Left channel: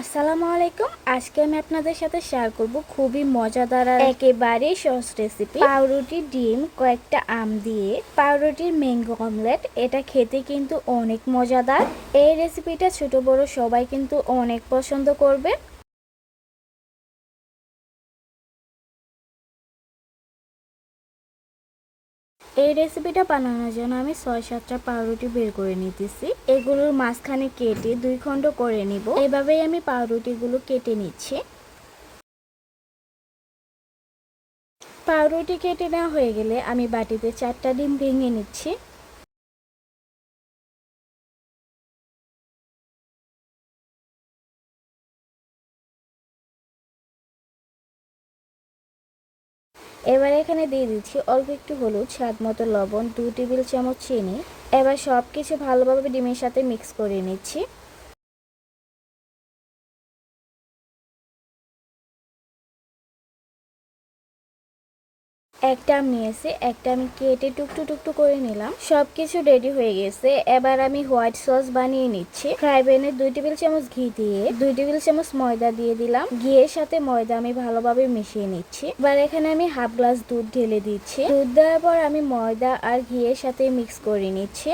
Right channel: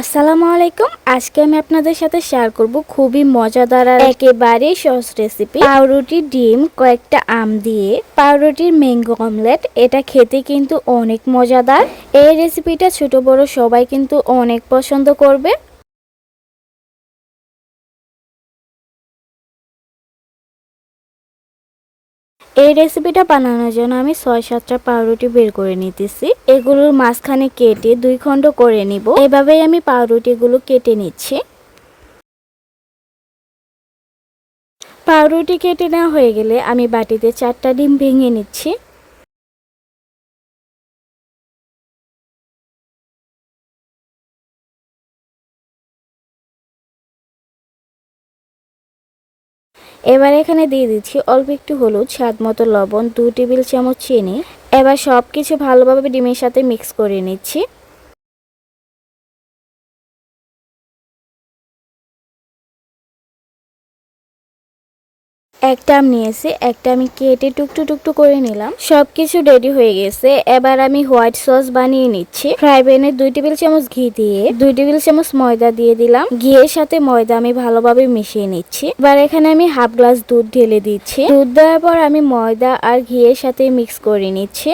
আসসালামু আলাইকুম। আজকে আমি আপনাদের সাথে শেয়ার করব খুবই মজাদার আর একেবারে সহজ রেসিপি, পাউরুটি, ডিম, কয়েকটা আম দিয়ে পাউরুটির ম্যাঙ্গো অমলেট। এটা খেতে কিন্তু অনেক মজাদার। এই রেসিপিটা ছোট বড় সবাই কিন্তু অনেক পছন্দ করবে। এই রেসিপিটা বানানোর জন্য আমি ৬-৭টা পাউরুটি বের করে নিতেছি। এগুলোর মাঝখানে কেটে 2 খণ্ড করে নিব। এভাবেই আমি পাউরুটিগুলো কেটে নিচ্ছি। পাউরুটি কেটে নেওয়া হয়ে গেলে আমি বাটিতে 4টা ডিম ভেঙে নিচ্ছি। এবার এখানে দিয়ে দিচ্ছি অল্প একটু হলুদ, স্বাদ মতো লবণ, 2 টেবিল চামচ চিনি। এবার সব কিছু ভালোভাবে ডিমের সাথে মিক্স করে নিচ্ছি। একটা আম নিয়েছি, একটা আমি কেটে টুকটু টুকটু করে নিলাম। সবকিছু রেডি হয়ে গেছে। এবার আমি হোয়াইট সস বানিয়ে নিচ্ছি। ফ্রাই প্যানে 2 টেবিল চামচ ঘি দিয়ে 2 টেবিল চামচ ময়দা দিয়ে দিলাম। ঘিয়ের সাথে ময়দা আমি ভালোভাবে মিশিয়ে নিচ্ছি। এবার এখানে আমি হাফ গ্লাস দুধ ঢেলে দিচ্ছি। দুধ দেওয়ার পর আমি ময়দা আর ঘিয়ের সাথে মিক্স করে নিচ্ছি।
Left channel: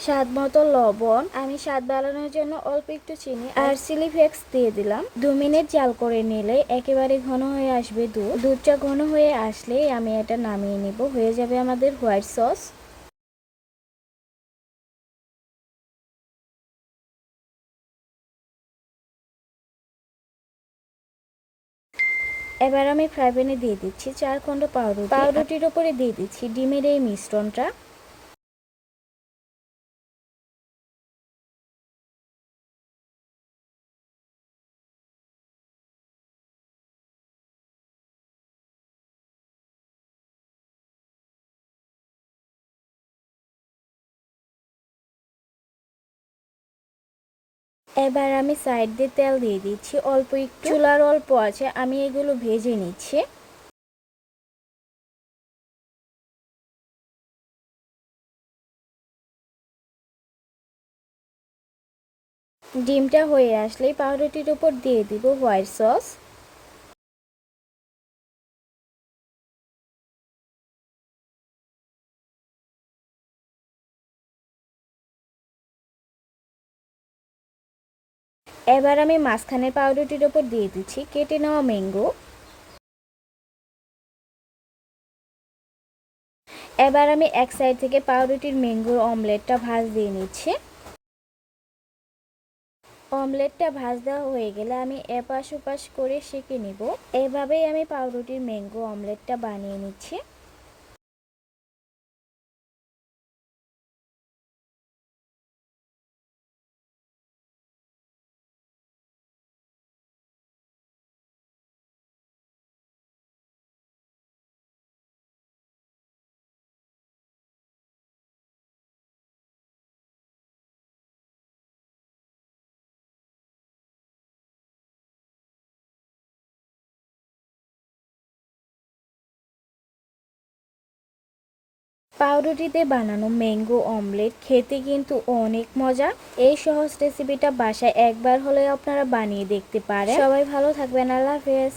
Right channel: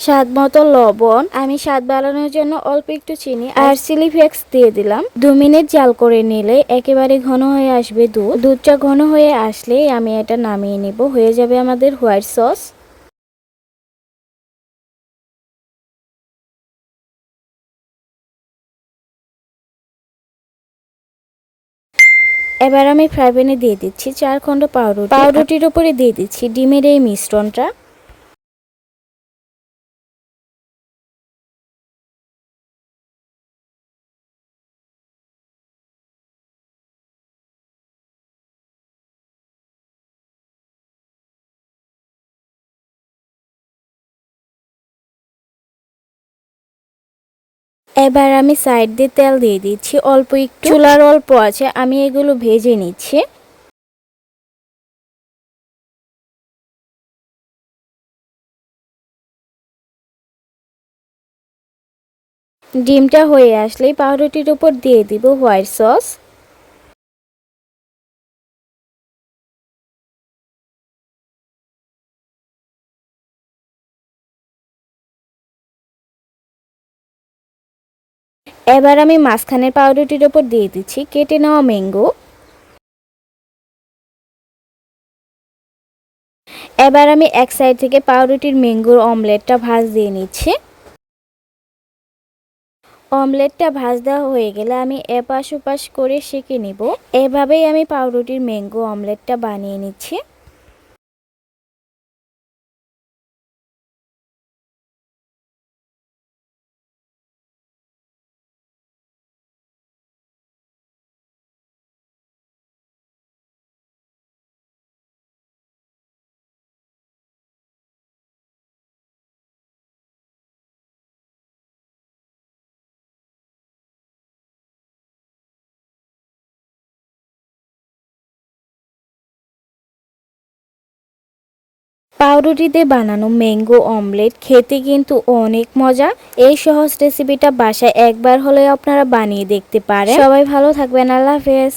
স্বাদ মতো লবণ, আমি স্বাদ বাড়ানোর জন্য অল্প একটু চিনি আর চিলি ফ্লেক্স দিয়ে দিলাম। 2 মিনিট জাল করে নিলে একেবারে ঘন হয়ে আসবে দুধ। দুধটা ঘন হয়ে আসলে আমি এটা নামিয়ে নিব। হয়ে যাবে আমাদের হোয়াইট সস। এবার আমি ফ্রাই প্যানে দিয়ে দিচ্ছি 4 খণ্ড পাউরুটি। পাউরুটির উপরে দিয়ে দিচ্ছি ডিমের এই মিশ্রণটা। এবার আমি সাইড দিয়ে তেল দিয়ে দিচ্ছি অল্প একটু। চুলার অল্প আছে, আমি এগুলো ভেজে নিচ্ছি। ডিমটা হয়ে আসলেই পাউরুটির উপর দিয়ে দিব হোয়াইট সস। এবার আমি মাঝখানের পাউরুটির ওপর দিয়ে দিচ্ছি কেটে নেওয়া ম্যাঙ্গো। এবার আমি এক সাইড থেকে পাউরুটির ম্যাঙ্গোর অমলেটটা ভাজ দিয়ে নিচ্ছি। অমলেটটা ভাজ দেওয়া হয়ে গেলে আমি এপাশ ওপাশ করে সেঁকে নিব। এভাবেই আমি পাউরুটির ম্যাঙ্গো অমলেটটা বানিয়ে নিচ্ছি। পাউরুটিতে বানানো ম্যাঙ্গো অমলেট খেতে কিন্তু অনেক মজা। এই সহজ রেসিপিটা বাসায় একবার হলে আপনারা বানিয়ে দেখতে পারেন। সবাই ভালো থাকবেন। আল্লাহ হাফেজ।